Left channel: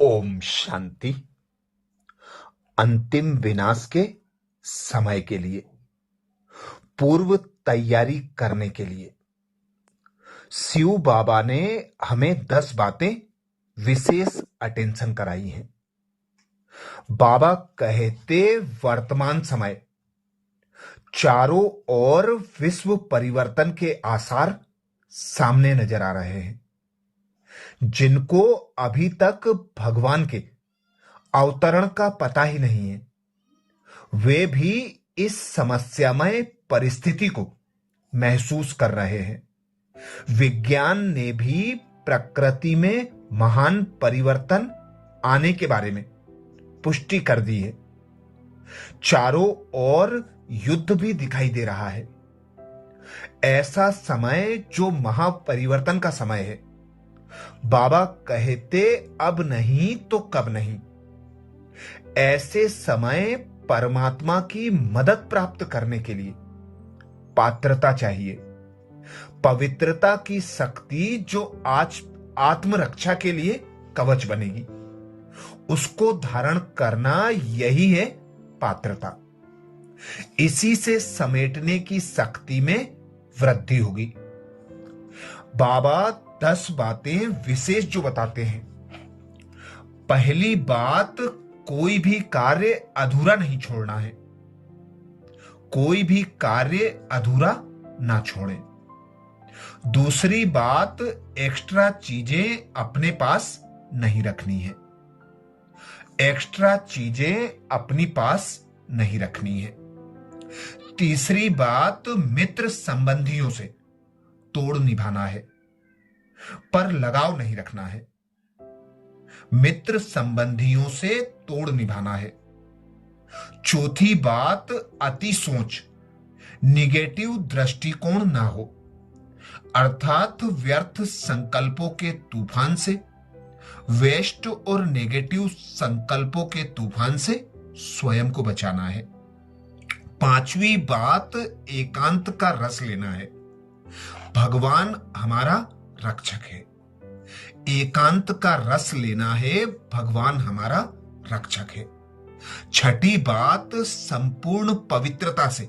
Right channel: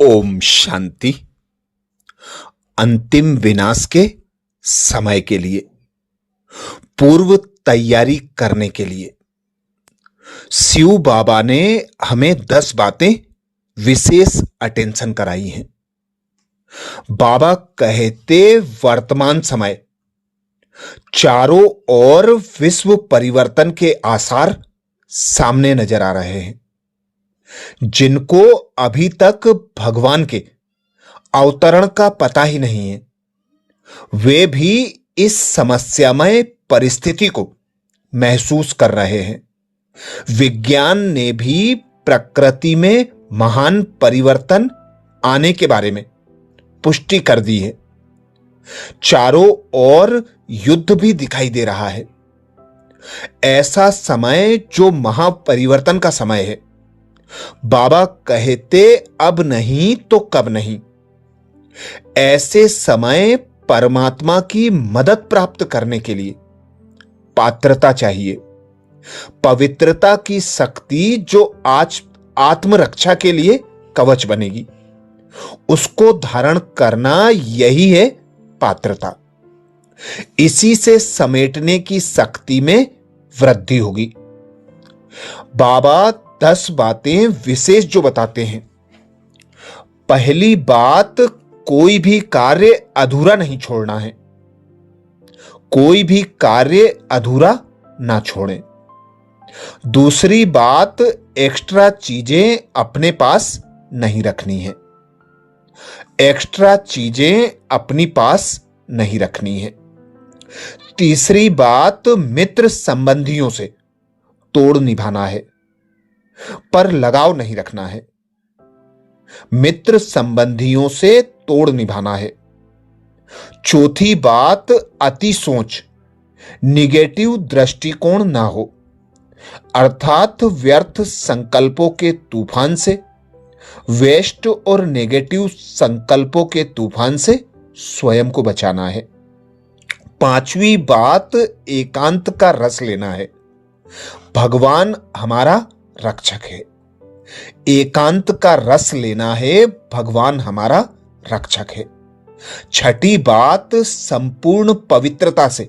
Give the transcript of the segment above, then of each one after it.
ओम शांति। अंतिम विनाश के समय के लिए, पूर्व तैयारी करने के लिए शिव बाबा ने हमें 10 बातें विशेष अटेंशन कराई हैं। बाबा कहते वर्तमान समय चारों ओर विश्व परिवर्तन के आसार सामने नजर आ रहे हैं। जिनको अभी तक भगवान के अवतरण का पता ही नहीं है, वे भी इस समस्यामय परिस्थिति को महसूस कर रहे हैं। विज्ञान ने भी प्रकृति में महान परिवर्तन आने के बारे में पुष्टि कर दी है। चारों ओर युद्ध भी दिखाई दे रहा है। ऐसा समय जो महापरिवर्तन का समय है, बाबा कहते अब नहीं तो कब नहीं। ऐसे समय परमात्मा की मदद प्राप्त करने के लिए पात्रता चाहिए। पवित्रता की शक्ति जो आज आत्मरक्षा के लिए कवच बनेगी, उसको धारण करना यही है पात्रता। इसी से समेटने की शक्ति में वृद्धि होगी। बाबा 10 बातें विशेष जो बताते हैं। पहली बात, कोई भी कार्य अधूरा नहीं छोड़ना है। कोई भी कार्य अधूरा ना छोड़ें। दूसरी बात, एक्स्ट्रा चीजें अपने पास नहीं रखनी है। एक्स्ट्रा चीजें अपनी पास नहीं रखनी है। तीसरी बात, मित्र संबंधियों से तोड़ निभाना है, पर लगाव नहीं रखना है। मित्र संबंधियों से तोड़ निभाना है। चौथी बात, अति सोच, निगेटिव दृष्टिकोण ना हो, अर्थात व्यर्थ संकल्पों के तूफान से, वेस्ट और नेगेटिव संकल्पों के तूफान से स्वयं को बचाना है। पांचवी बात, एकांत का रस लेना है। भगवान हमारा रक्षक है। एकांत का रस लेना है। भगवान हमारा रक्षक है। छठी बात, संपूर्ण पवित्रता से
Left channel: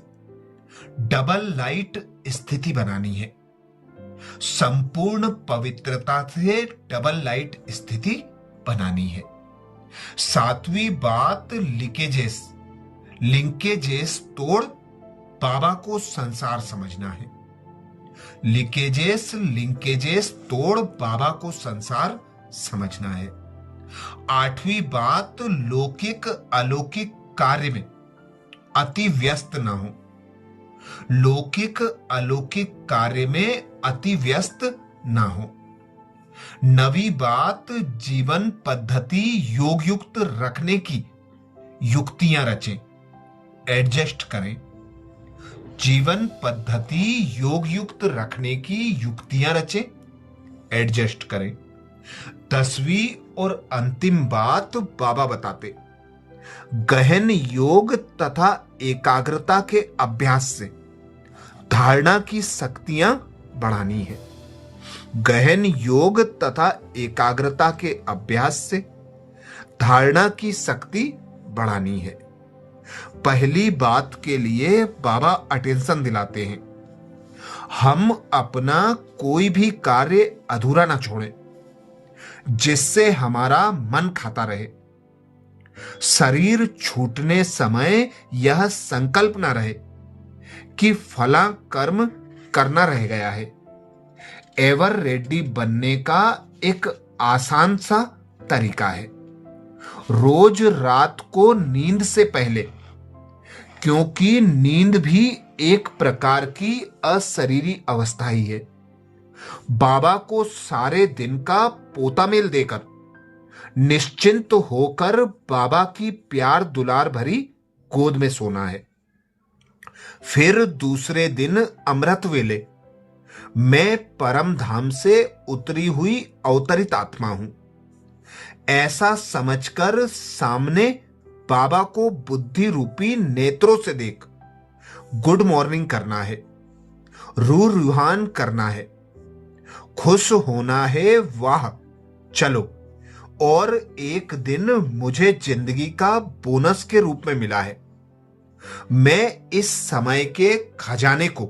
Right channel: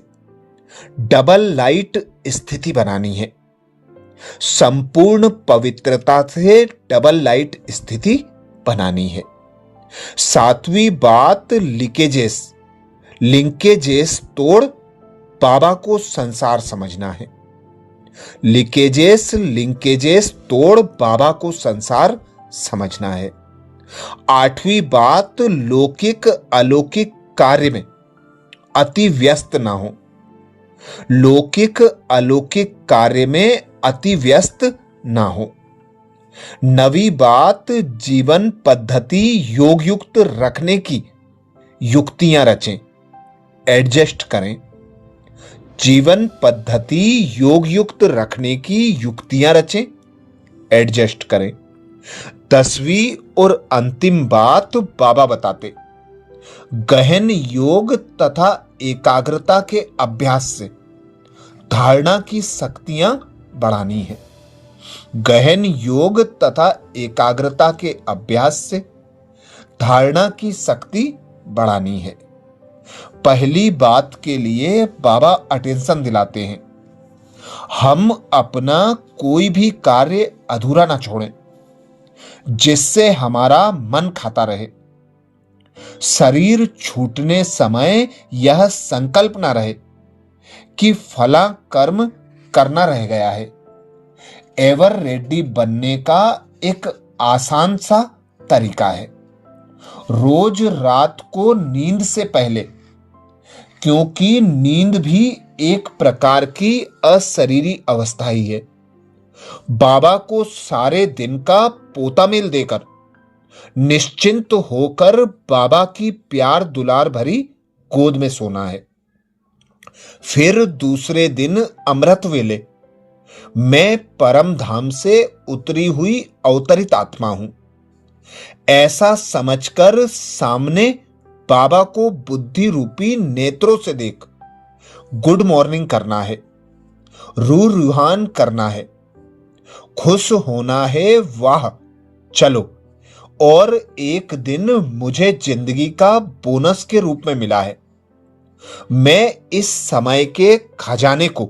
डबल लाइट स्थिति बनानी है। संपूर्ण पवित्रता से डबल लाइट स्थिति बनानी है। सातवीं बात, लिंकेजेस तोड़ बाबा को संसार समझना है। लिंकेजेस तोड़ बाबा को संसार समझना है। आठवीं बात, लौकिक अलौकिक कार्य में अति व्यस्त ना हो। लौकिक अलौकिक कार्य में अति व्यस्त ना हो। नवी बात, जीवन पद्धति योग युक्त रखने की युक्तियां रचें, एडजस्ट करें। जीवन पद्धति योग युक्त रखने की युक्तियां रचें, एडजस्ट करें। 10वीं और अंतिम बात, बाबा बताते गहन योग तथा एकाग्रता के अभ्यास से धारणा की शक्तियां बढ़ानी है। गहन योग तथा एकाग्रता के अभ्यास से धारणा की शक्ति बढ़ानी है। पहली बात के लिए बाबा अटेंशन दिलाते हैं, हम अपना कोई भी कार्य अधूरा ना छोड़ें, जिससे हमारा मन खाता रहे। शरीर छूटने समय यह संकल्प ना रहे कि फला कर्म करना रह गया है। एवर रेडी बनने का एक आसान सा तरीका है, रोज रात को नींद से पहले, क्योंकि नींद भी एक प्रकार की अशरीरी अवस्था ही है, बाबा को सारे दिन का पोता मेल देकर निश्चिंत होकर बाबा की प्यार दुलार भरी गोद में सोना है। फिर दूसरे दिन अमृत वेले, मैं परम धाम से उतरी हुई अवतरित आत्मा हूं, ऐसा समझकर सामने बाबा को बुद्धि रूपी नेत्रों से देख गुड मॉर्निंग करना है, रूहान करना है, खुश होना है, वाह चलो, और एक दिन मुझे जिंदगी का बोनस के रूप में मिला है। मैं इस समय के खजाने को,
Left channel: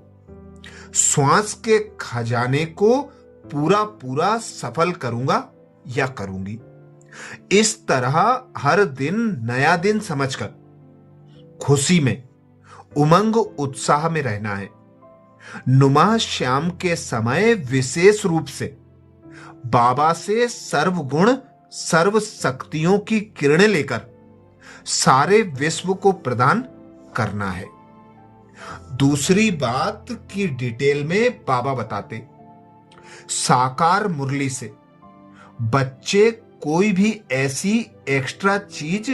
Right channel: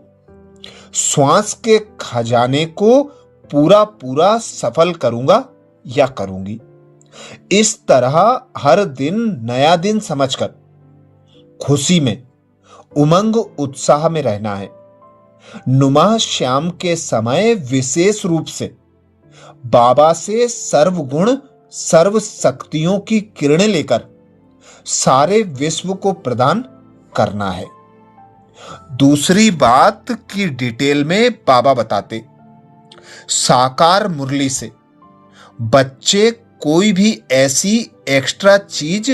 श्वास के खजाने को पूरा पूरा सफल करूंगा या करूंगी। इस तरह हर दिन नया दिन समझकर खुशी में, उमंग उत्साह में रहना है। नुमा श्याम के समय विशेष रूप से बाबा से सर्वगुण सर्व शक्तियों की किरणें लेकर सारे विश्व को प्रदान करना है। दूसरी बात की डिटेल में बाबा बताते, साकार मुरली से बच्चे कोई भी ऐसी एक्स्ट्रा चीज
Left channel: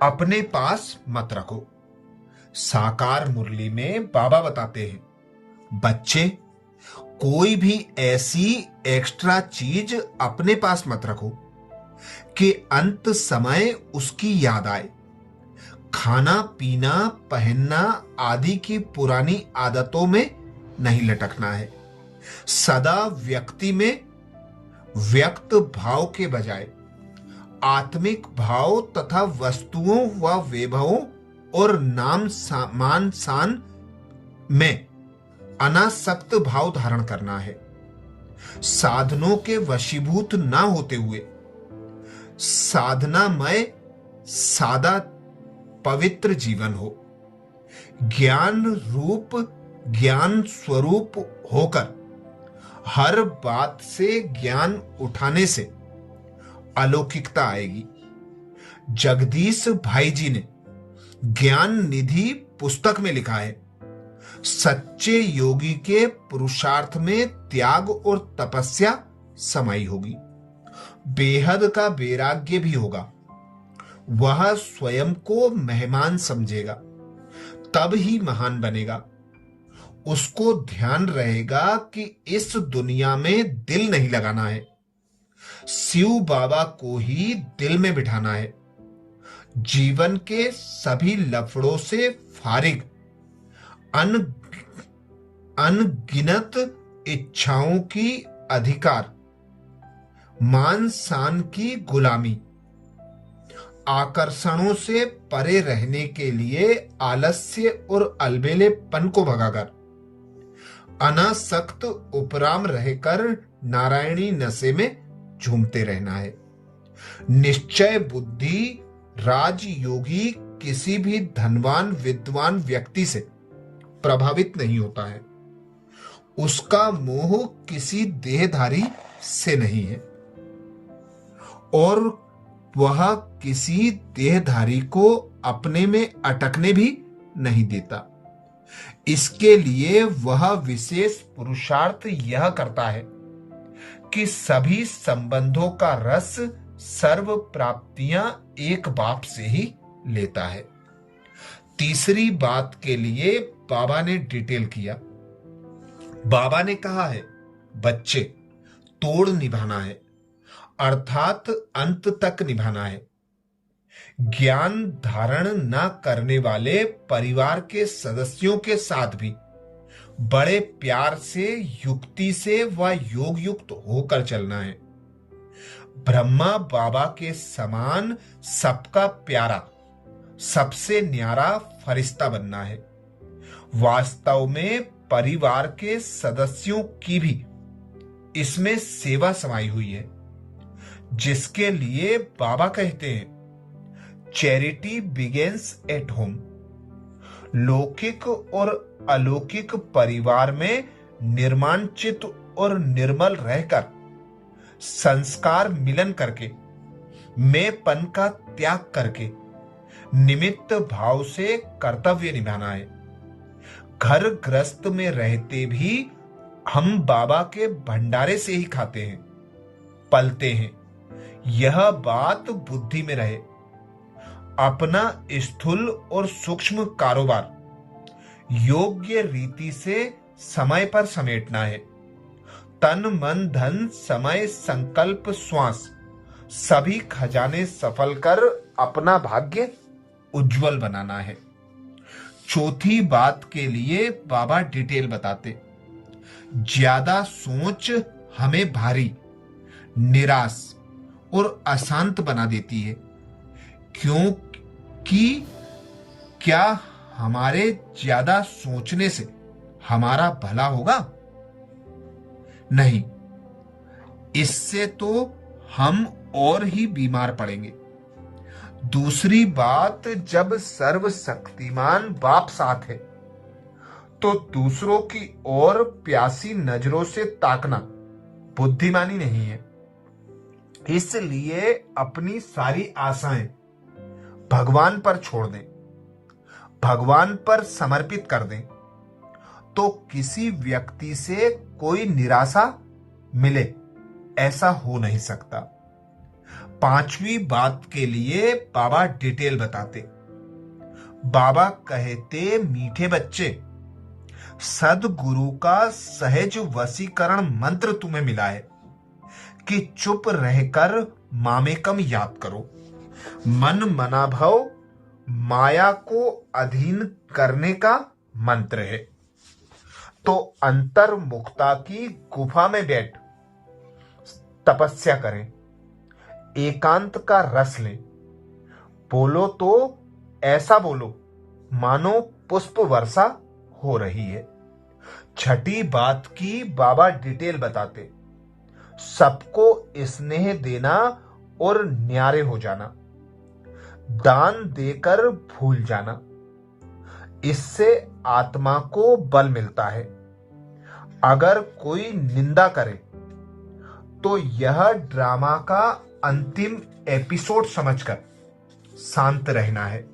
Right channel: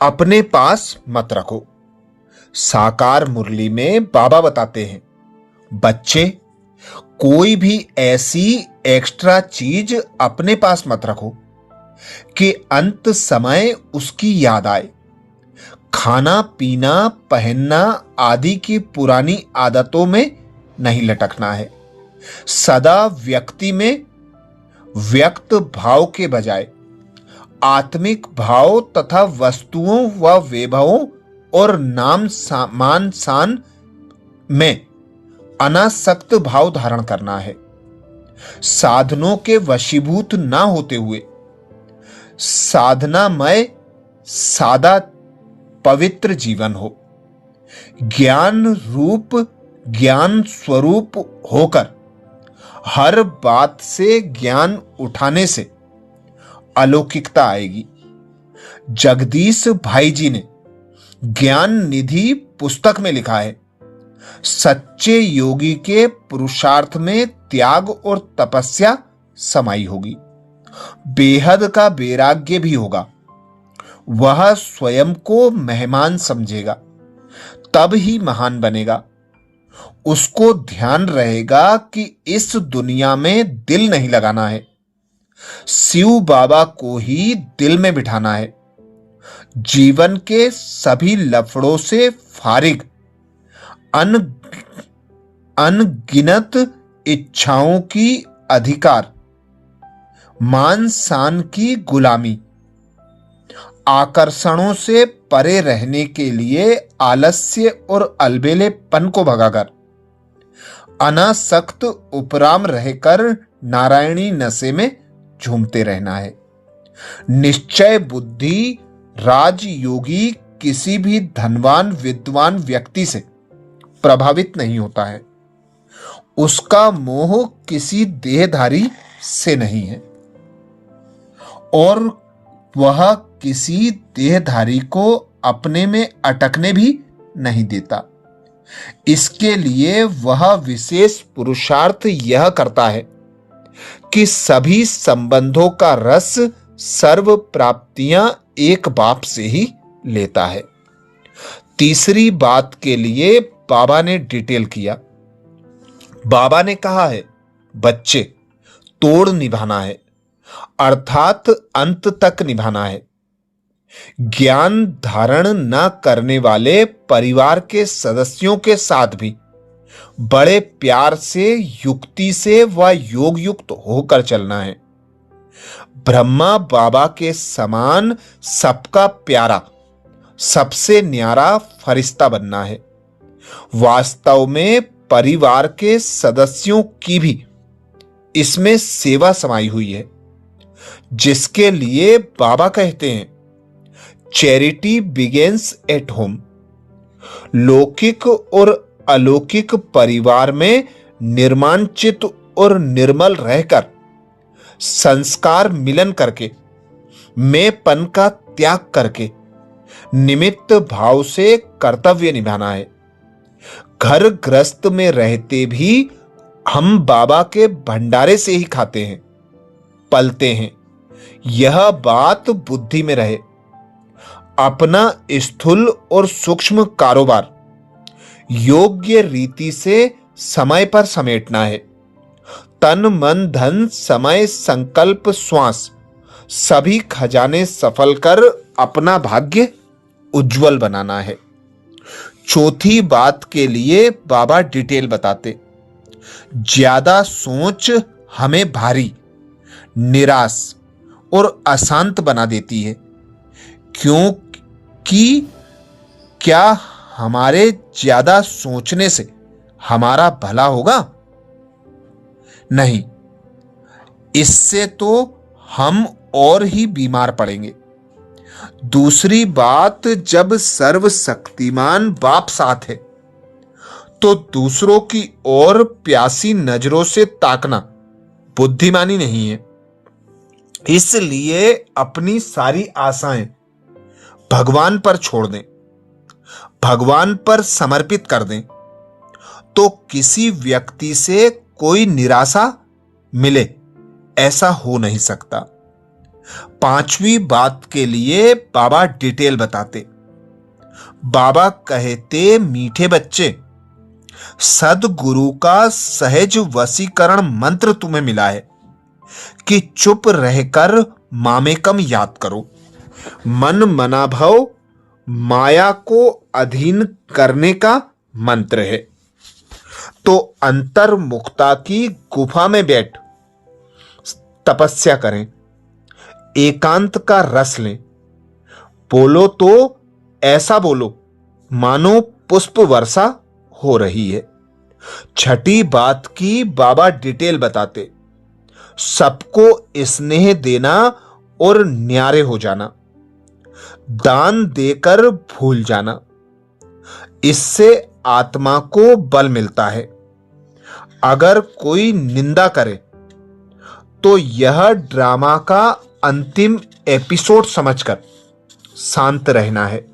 अपने पास मत रखो। साकार मुरली में बाबा बताते हैं, बच्चे कोई भी ऐसी एक्स्ट्रा चीज अपने पास मत रखो कि अंत समय उसकी याद आए। खाना पीना पहनना आदि की पुरानी आदतों में नहीं लटकना है। सदा व्यक्ति में व्यक्त भाव के बजाय आत्मिक भाव तथा वस्तुओं व वैभवों और नाम मान शान में अनासक्त भाव धारण करना है। साधनों के वशीभूत ना होते हुए साधनामय सादा पवित्र जीवन हो। ज्ञान रूप ज्ञान स्वरूप होकर हर बात से ज्ञान उठाने से अलौकिकता आएगी। जगदीश भाई जी ने ज्ञान निधि पुस्तक में लिखा है, सच्चे योगी के पुरुषार्थ में त्याग और तपस्या समाई होगी। बेहद का वैराग्य भी होगा। वह स्वयं को मेहमान समझेगा, तब ही महान बनेगा। उसको ध्यान रहेगा कि इस दुनिया में दिल नहीं लगाना है, शिव बाबा को ही दिल में बिठाना है। जीवन के सभी लफड़ों से फारिग, अनगिनत इच्छाओं की अधिकार, मान शान की गुलामी, आकर्षणों से परे रहने के लिए आलस्य और अलबेलेपन को भगाकर अनासक्त उपराम रहकर नारायणी नशे में झूमते रहना है। निश्चय बुद्धि राजयोगी किसी भी धनवान विद्वान व्यक्ति से प्रभावित नहीं होता है। उसका मोह किसी देहधारी से नहीं है और वह किसी देहधारी को अपने में अटकने भी नहीं देता। इसके लिए वह विशेष पुरुषार्थ यह करता है कि सभी संबंधों का रस सर्व प्राप्तियां एक बाप से ही लेता है। तीसरी बात के लिए बाबा ने डिटेल किया। बाबा ने कहा है, बच्चे तोड़ निभाना है, अर्थात अंत तक निभाना है। ज्ञान धारण न करने वाले परिवार के सदस्यों के साथ भी बड़े प्यार से, युक्ति से व योग युक्त होकर चलना है। ब्रह्मा बाबा के समान सबका प्यारा, सबसे न्यारा फरिश्ता बनना है। वास्तव में परिवार के सदस्यों की भी इसमें सेवा समाई हुई है, जिसके लिए बाबा कहते हैं, चैरिटी बिगेन्स एट होम। लौकिक और अलौकिक परिवार में निर्माणचित और निर्मल रहकर संस्कार मिलन करके, मैंपन का त्याग करके निमित्त भाव से कर्तव्य निभाना है। घर गृहस्थ में रहते भी हम बाबा के भंडारे से ही खाते हैं, पलते हैं। यह बात बुद्धि में रहे। अपना स्थूल और सूक्ष्म कारोबार योग्य रीति से समय पर समेटना है। तन मन धन समय संकल्प श्वास सभी खजाने सफल कर अपना भाग्य उज्जवल बनाना है। चौथी बात के लिए बाबा डिटेल बताते, ज्यादा सोच हमें भारी, निराश और अशांत बना देती है। क्योंकि क्या हमारे ज्यादा सोचने से हमारा भला होगा? नहीं, इससे तो हम और ही बीमार पड़ेंगे। दूसरी बात, जब सर्वशक्तिमान बाप साथ है तो दूसरों की ओर प्यासी नजरों से ताकना बुद्धिमानी नहीं है। इसलिए अपनी सारी आशाएं भगवान पर छोड़ दें, भगवान पर समर्पित कर दें, तो किसी व्यक्ति से कोई निराशा मिले ऐसा हो नहीं सकता। पांचवी बात के लिए बाबा डिटेल बताते। बाबा कहते, मीठे बच्चे, सदगुरु का सहज वशीकरण मंत्र तुम्हें मिला है कि चुप रहकर मामेकम याद करो। मन मना भव माया को अधीन करने का मंत्र है। तो अंतर्मुखता की गुफा में बैठ तपस्या करें, एकांत का रस लें, बोलो तो ऐसा बोलो मानो पुष्प वर्षा हो रही है। छठी बात की बाबा डिटेल बताते। सबको स्नेह देना और न्यारे हो जाना, दान देकर भूल जाना, इससे आत्मा को बल मिलता है। अगर कोई निंदा करे तो यह ड्रामा का अंतिम एपिसोड समझकर शांत रहना है।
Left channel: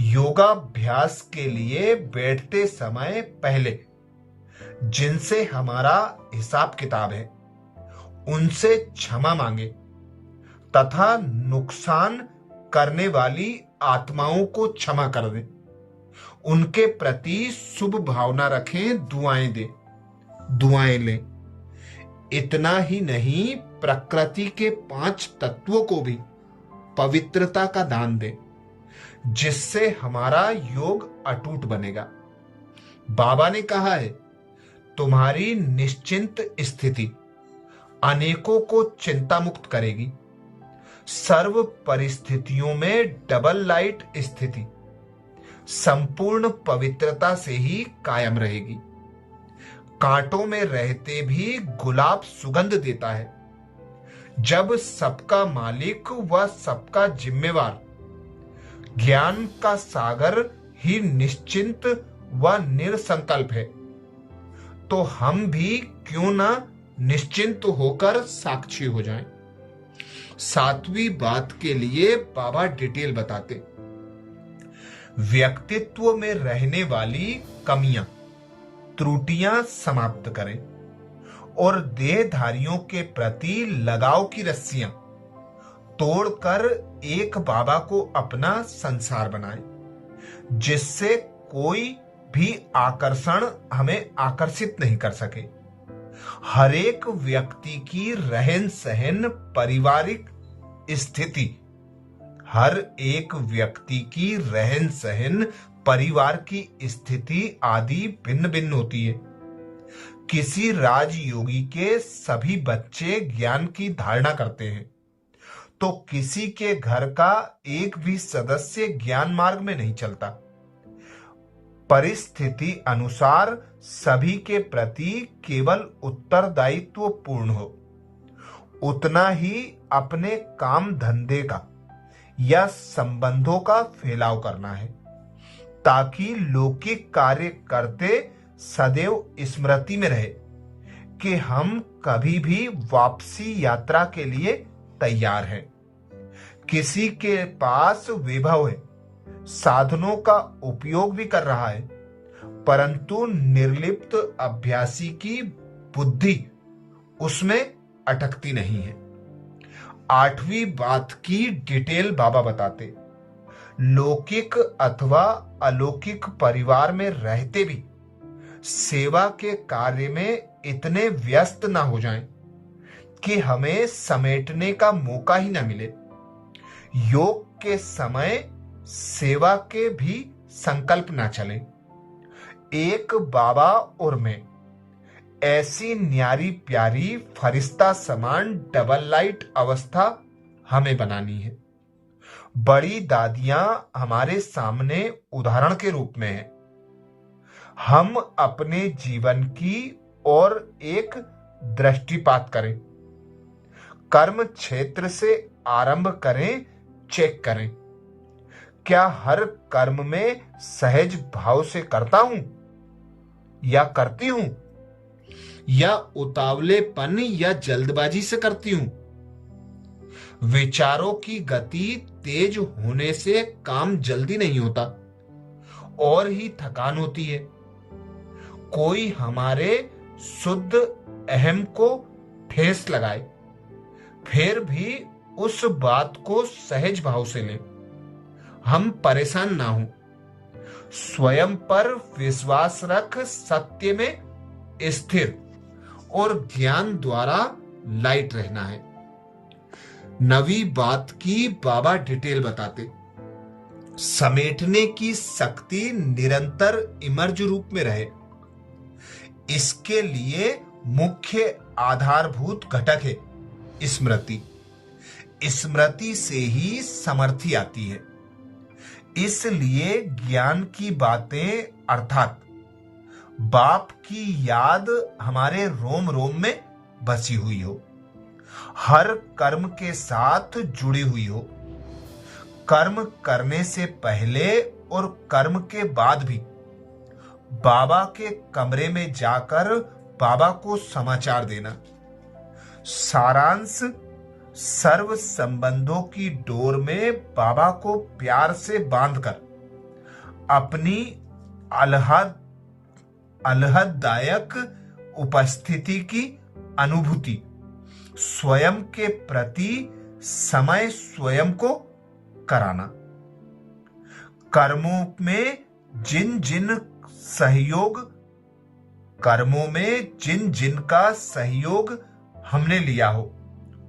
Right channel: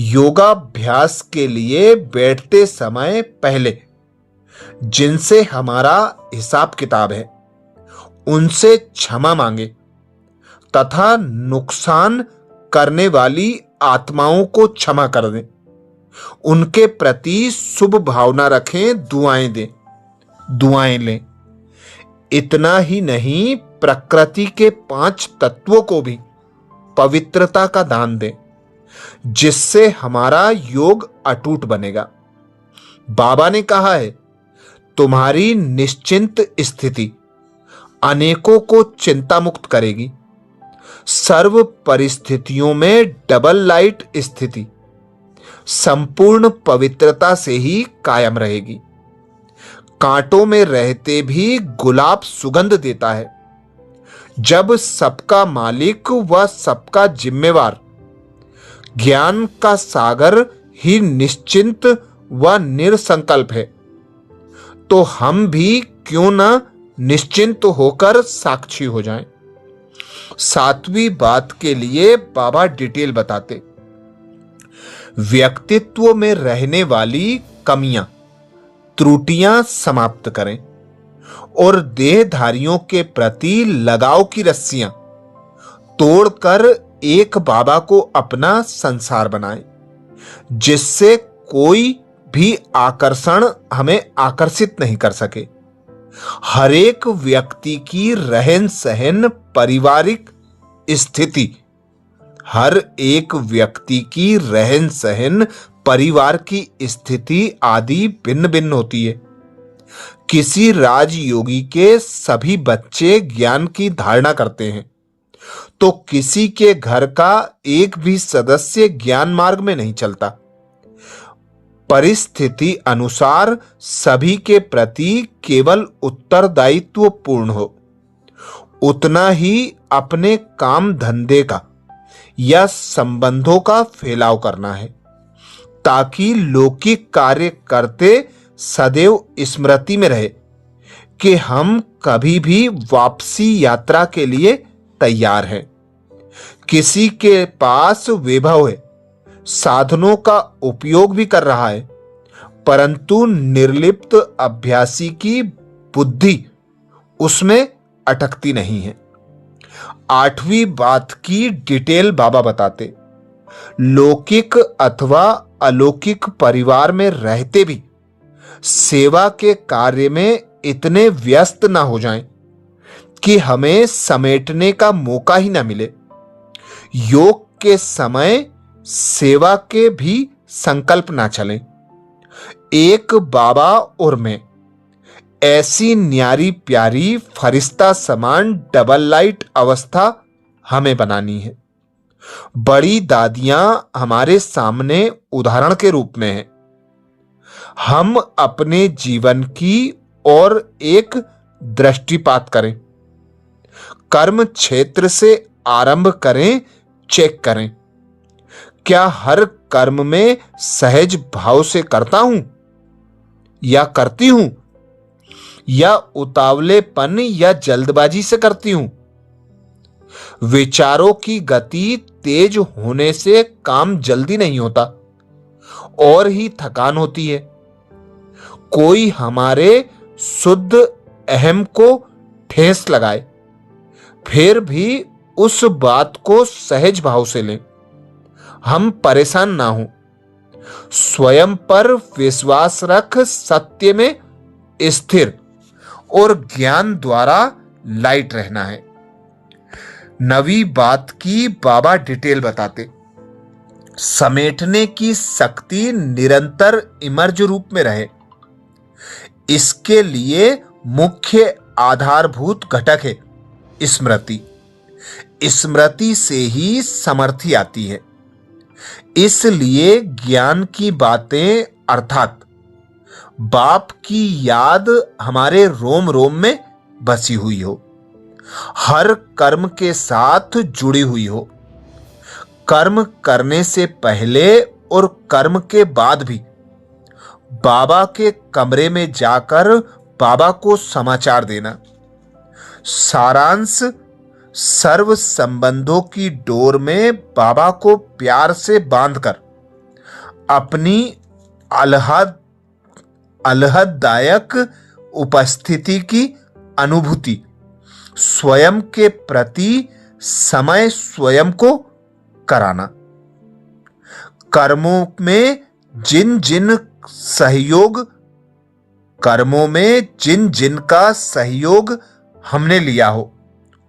योगाभ्यास के लिए बैठते समय पहले जिनसे हमारा हिसाब किताब है उनसे क्षमा मांगे तथा नुकसान करने वाली आत्माओं को क्षमा कर दें, उनके प्रति शुभ भावना रखें, दुआएं लें। इतना ही नहीं, प्रकृति के 5 तत्वों को भी पवित्रता का दान दें, जिससे हमारा योग अटूट बनेगा। बाबा ने कहा है, तुम्हारी निश्चिंत स्थिति अनेकों को चिंता मुक्त करेगी। सर्व परिस्थितियों में डबल लाइट स्थिति संपूर्ण पवित्रता से ही कायम रहेगी। कांटों में रहते भी गुलाब सुगंध देता है। जब सबका मालिक व सबका जिम्मेवार ज्ञान का सागर ही निश्चिंत व निरसंकल्प है, तो हम भी क्यों न निश्चिंत होकर साक्षी हो जाएं। 7वीं बात के लिए बाबा डिटेल बताते। व्यक्तित्व में रहने वाली कमियां, त्रुटियां समाप्त करें और देहधारियों के प्रति लगाव की रस्सियां तोड़कर एक बाबा को अपना संसार बनाएं, जिससे कोई भी आकर्षण हमें आकर्षित नहीं कर सके। हर एक व्यक्ति की रहन सहन, पारिवारिक स्थिति, हर एक व्यक्ति की रहन सहन, परिवार की स्थिति आदि भिन्न भिन्न होती है। किसी राजयोगी के सभी बच्चे ज्ञान की धारणा करते हैं, तो किसी के घर का एक भी सदस्य ज्ञान मार्ग में नहीं चलता। परिस्थिति अनुसार सभी के प्रति केवल उत्तरदायित्व पूर्ण हो, उतना ही अपने काम धंधे का या संबंधों का फैलाव करना है, ताकि लौकिक कार्य करते सदैव स्मृति में रहे कि हम कभी भी वापसी यात्रा के लिए तैयार हैं। किसी के पास वैभव है, साधनों का उपयोग भी कर रहा है, परंतु निर्लिप्त अभ्यासी की बुद्धि उसमें अटकती नहीं है। 8वीं बात की डिटेल बाबा बताते। लौकिक अथवा अलौकिक परिवार में रहते भी सेवा के कार्य में इतने व्यस्त ना हो जाएं कि हमें समेटने का मौका ही ना मिले। योग के समय सेवा के भी संकल्प ना चलें। एक बाबा और मैं ऐसी न्यारी प्यारी फरिश्ता समान डबल लाइट अवस्था हमें बनानी है। बड़ी दादियां हमारे सामने उदाहरण के रूप में हैं। हम अपने जीवन की और एक दृष्टिपात करें, कर्म क्षेत्र से आरंभ करें, चेक करें क्या हर कर्म में सहज भाव से करता हूं या करती हूं, या उतावलेपन या जल्दबाजी से करती हूं। विचारों की गति तेज होने से काम जल्दी नहीं होता और ही थकान होती है। कोई हमारे शुद्ध अहम को ठेस लगाए, फिर भी उस बात को सहज भाव से लें। हम परेशान ना हों, स्वयं पर विश्वास रख सत्य में स्थिर और ज्ञान द्वारा लाइट रहना है। नवी बात की बाबा डिटेल बताते, समेटने की शक्ति निरंतर इमर्ज रूप में रहे। इसके लिए मुख्य आधारभूत घटक है स्मृति। स्मृति से ही समर्थि आती है। इसलिए ज्ञान की बातें अर्थात बाप की याद हमारे रोम रोम में बसी हुई हो, हर कर्म के साथ जुड़ी हुई हो। कर्म करने से पहले और कर्म के बाद भी बाबा के कमरे में जाकर बाबा को समाचार देना। सारांश, सर्व संबंधों की डोर में बाबा को प्यार से बांधकर अपनी आह्लाददायक उपस्थिति की अनुभूति स्वयं के प्रति समय स्वयं को कराना। कर्मों में जिन जिन का सहयोग हमने लिया हो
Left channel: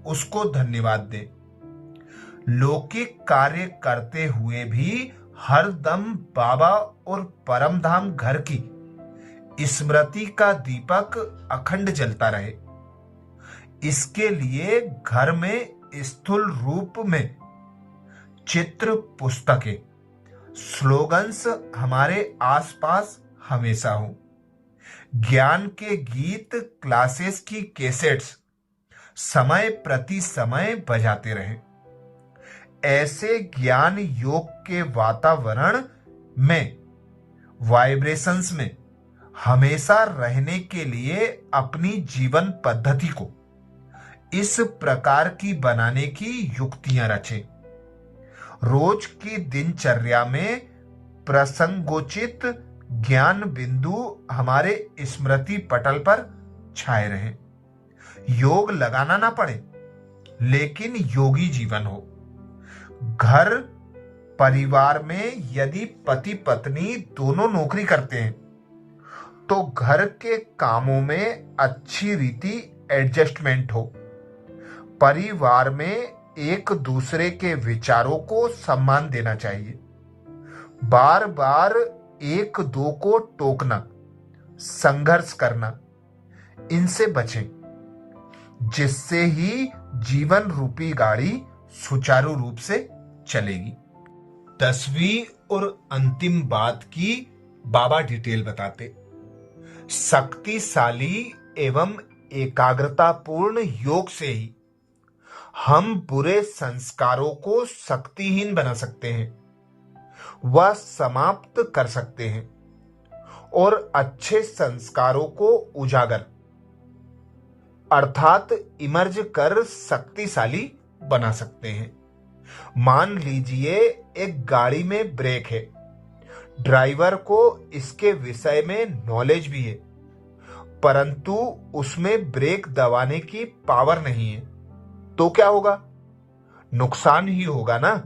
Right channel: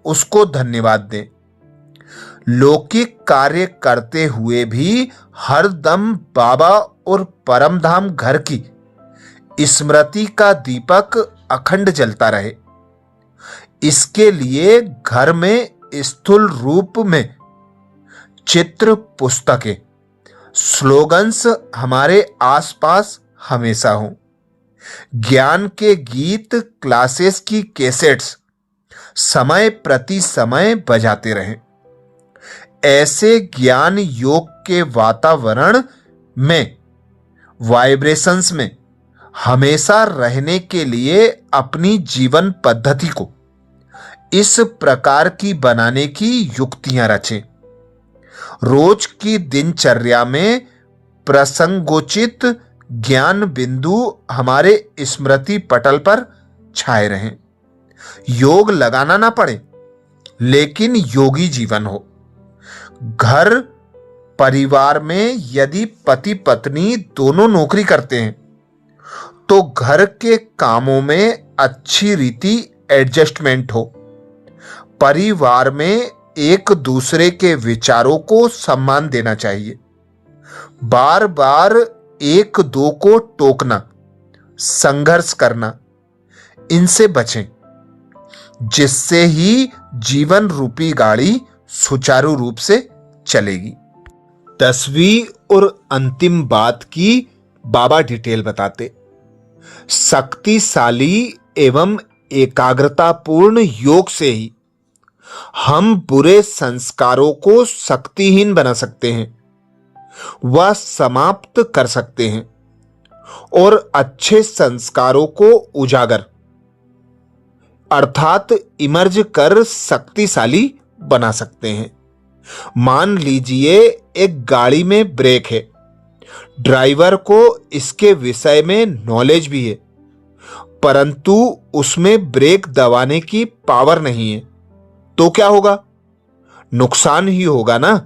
उसको धन्यवाद दें। लौकिक कार्य करते हुए भी हर दम बाबा और परमधाम घर की स्मृति का दीपक अखंड जलता रहे। इसके लिए घर में स्थूल रूप में चित्र, पुस्तकें, स्लोगन्स हमारे आसपास हमेशा हों। ज्ञान के गीत, क्लासेस की कैसेट्स समय प्रति समय बजाते रहें। ऐसे ज्ञान योग के वातावरण में, वाइब्रेशंस में हमेशा रहने के लिए अपनी जीवन पद्धति को इस प्रकार की बनाने की युक्तियां रचें। रोज की दिनचर्या में प्रसंगोचित ज्ञान बिंदु हमारे स्मृति पटल पर छाए रहें। योग लगाना ना पड़े, लेकिन योगी जीवन हो। घर परिवार में यदि पति पत्नी दोनों नौकरी करते हैं तो घर के कामों में अच्छी रीति एडजस्टमेंट हो। परिवार में एक दूसरे के विचारों को सम्मान देना चाहिए। बार बार एक दो को टोकना, संघर्ष करना, इनसे बचें, जिससे ही जीवन रूपी गाड़ी सुचारू रूप से चलेगी। 10वीं और अंतिम बात की बाबा डिटेल बताते, शक्तिशाली एवं एकाग्रतापूर्ण योग से ही हम बुरे संस्कारों को शक्तिहीन बना सकते हैं, वह समाप्त कर सकते हैं और अच्छे संस्कारों को उजागर अर्थात इमर्ज कर शक्तिशाली बना सकते हैं। मान लीजिए एक गाड़ी में ब्रेक है, ड्राइवर को इसके विषय में नॉलेज भी है, परंतु उसमें ब्रेक दबाने की पावर नहीं है, तो क्या होगा? नुकसान ही होगा ना।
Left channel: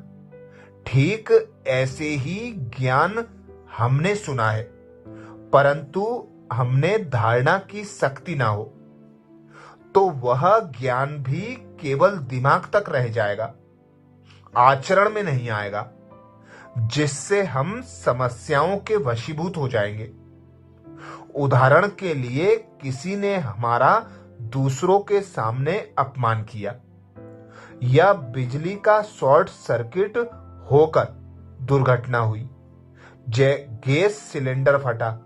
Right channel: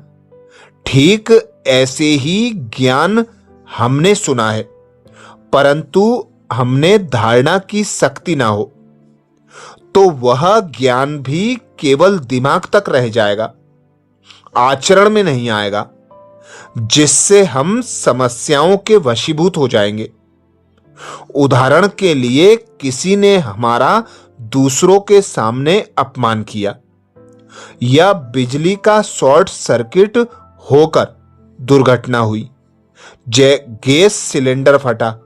ठीक ऐसे ही ज्ञान हमने सुना है, परंतु हमने धारणा की शक्ति ना हो, तो वह ज्ञान भी केवल दिमाग तक रह जाएगा, आचरण में नहीं आएगा, जिससे हम समस्याओं के वशीभूत हो जाएंगे। उदाहरण के लिए किसी ने हमारा दूसरों के सामने अपमान किया, या बिजली का शॉर्ट सर्किट होकर दुर्घटना हुई, गैस सिलेंडर फटा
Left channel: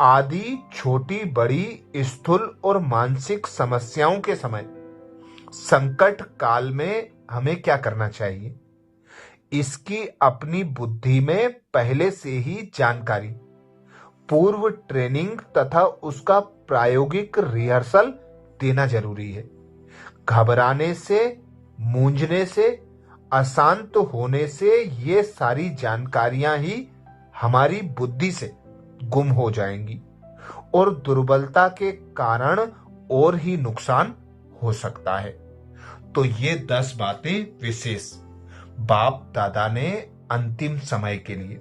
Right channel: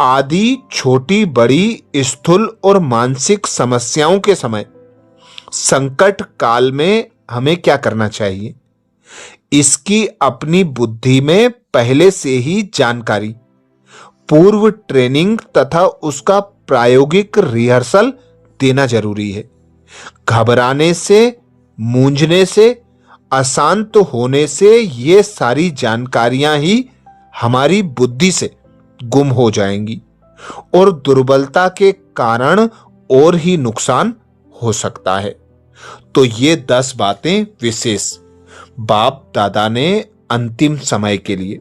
आदि छोटी बड़ी स्थूल और मानसिक समस्याओं के समय संकट काल में हमें क्या करना चाहिए, इसकी अपनी बुद्धि में पहले से ही जानकारी, पूर्व ट्रेनिंग तथा उसका प्रायोगिक रिहर्सल देना जरूरी है। घबराने से, मूंझने से, अशांत होने से ये सारी जानकारियां ही हमारी बुद्धि से गुम हो जाएंगी और दुर्बलता के कारण और ही नुकसान हो सकता है। तो ये 10 बातें विशेष बाप दादा ने अंतिम समय के लिए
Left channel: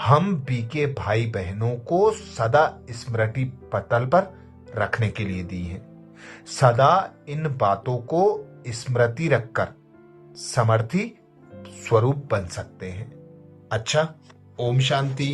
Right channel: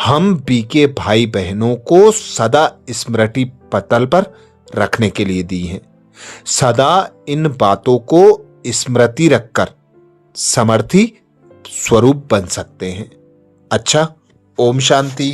हम बीके भाई बहनों को सदा स्मृति पटल पर रखने के लिए दी हैं। सदा इन बातों को स्मृति रखकर समर्थी स्वरूप बन सकते हैं। अच्छा, ओम शांति।